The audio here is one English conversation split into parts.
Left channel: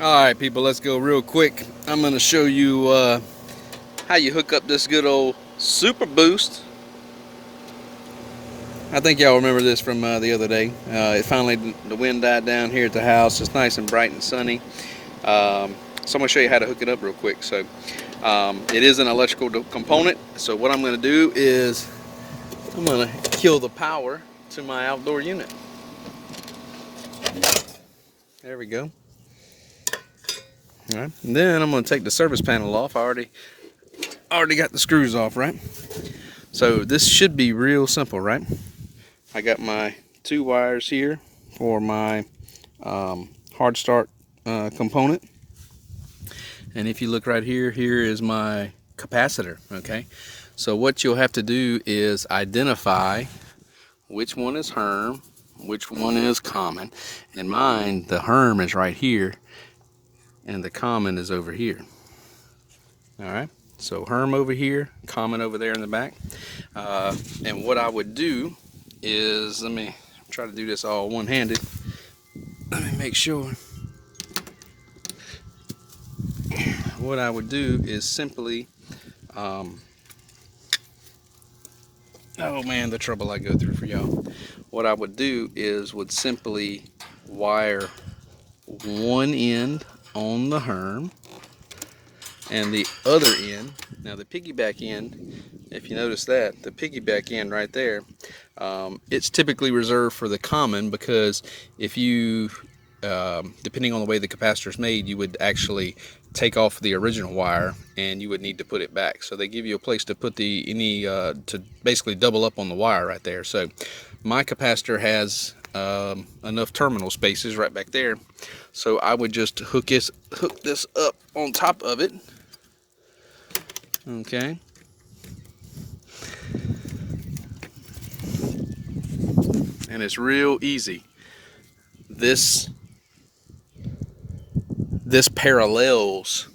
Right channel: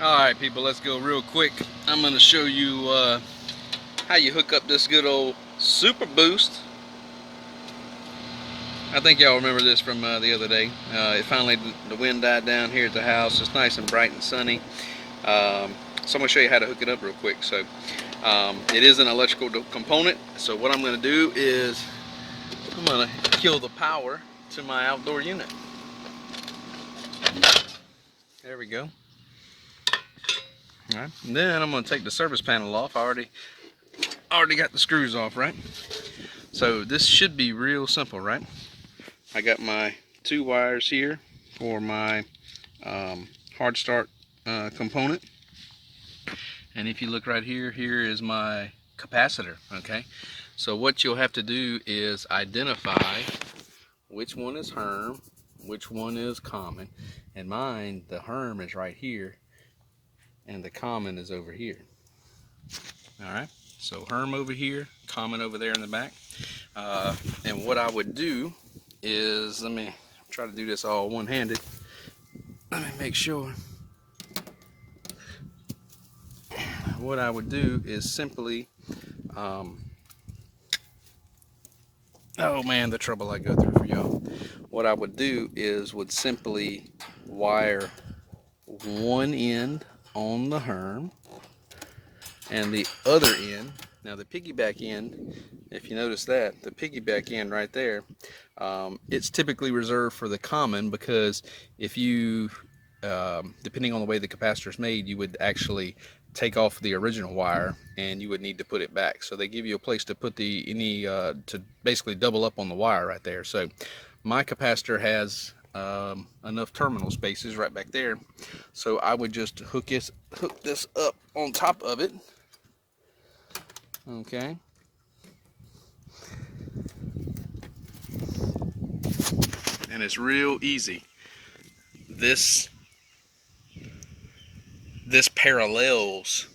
Alright people, let's go real quick. I'm going to show you how you hook up this good old Super Boost. I think y'all remember this from the other day. It finally, the wind died down here at the house. It's nice and bright and sunny. So I'm going to show you how to hook it up real quick. So it is an electrical component. So what I'm going to do is I'm going to kill the power to my outdoor unit. There we go. All right. And then I'm going to take the service panel off. I already got the screws off, right? So this should be real simple, right? I got my 2 wires here for my hard start component. And if you look right here, here is my capacitor, okay? So what you'll have to do is identify which one is Herm, which one is common. In mine, the Herm is right here and the common is over here. All right, so Herm over here, common over there in the back. And what I would do is, let me try to do this all one-handed. Let me make sure. What I would do is simply, oh man, the trouble I go through for y'all. What I would do is would simply wire one end on the Herm and the other end. Now the piggyback end, if you notice that, the piggyback end right there, it's typically reserved for the common, because if you, depending on the way the capacitor is made, you would actually take off the original wire and you would need to put it back. So they give you a place to put to basically double up on the wire right there. So my capacitor has enough terminal spaces right back there. So I would just hook this up on top of it. Okay. And it's real easy. This parallels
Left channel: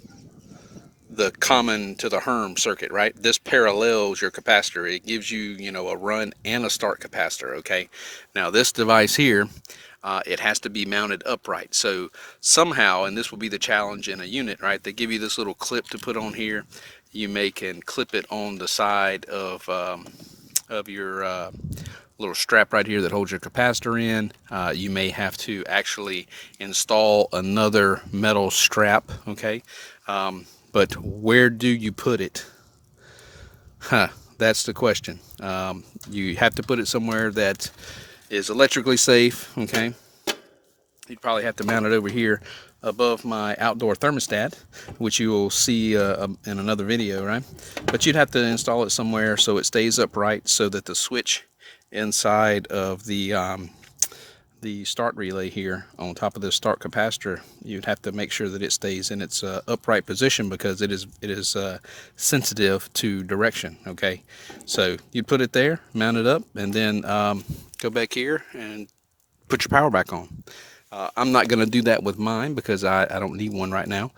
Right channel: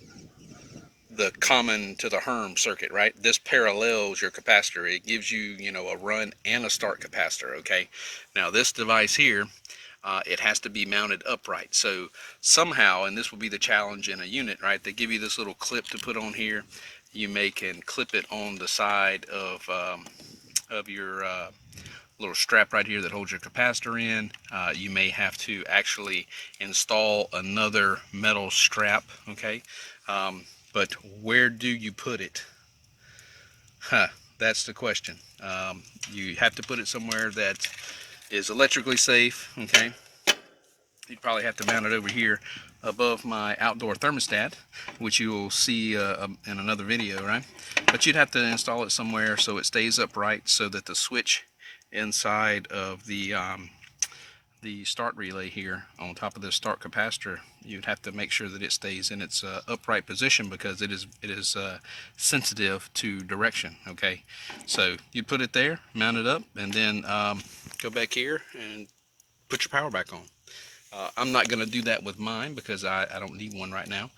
the common to the Herm circuit, right? This parallels your capacitor. It gives you, a run and a start capacitor, okay? Now this device here, it has to be mounted upright. So somehow, and this will be the challenge in a unit, right? They give you this little clip to put on here. You can clip it on the side of your little strap right here that holds your capacitor in. You may have to actually install another metal strap, okay? But where do you put it? That's the question. You have to put it somewhere that is electrically safe, okay? You'd probably have to mount it over here above my outdoor thermostat, which you will see in another video, right? But you'd have to install it somewhere so it stays upright, so that the switch inside of the start relay here on top of this start capacitor, you'd have to make sure that it stays in its upright position, because it is sensitive to direction, okay? So you'd put it there, mount it up, and then go back here and put your power back on. I'm not going to do that with mine because I don't need one right now,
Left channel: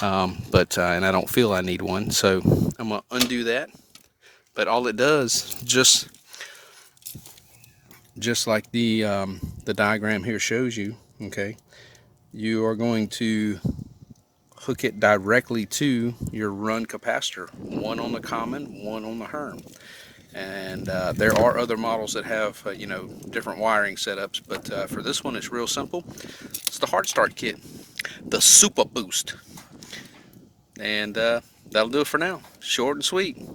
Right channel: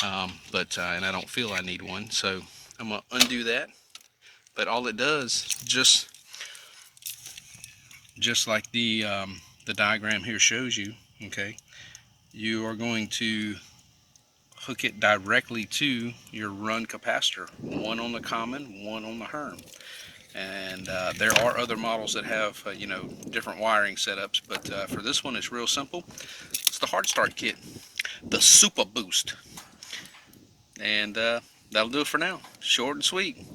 and I don't feel I need one, so I'm going to undo that. But all it does, just like the diagram here shows you, okay, you are going to hook it directly to your run capacitor, one on the common, one on the Herm. And there are other models that have different wiring setups, but for this one it's real simple. It's the hard start kit, the Super Boost. And that'll do it for now. Short and sweet.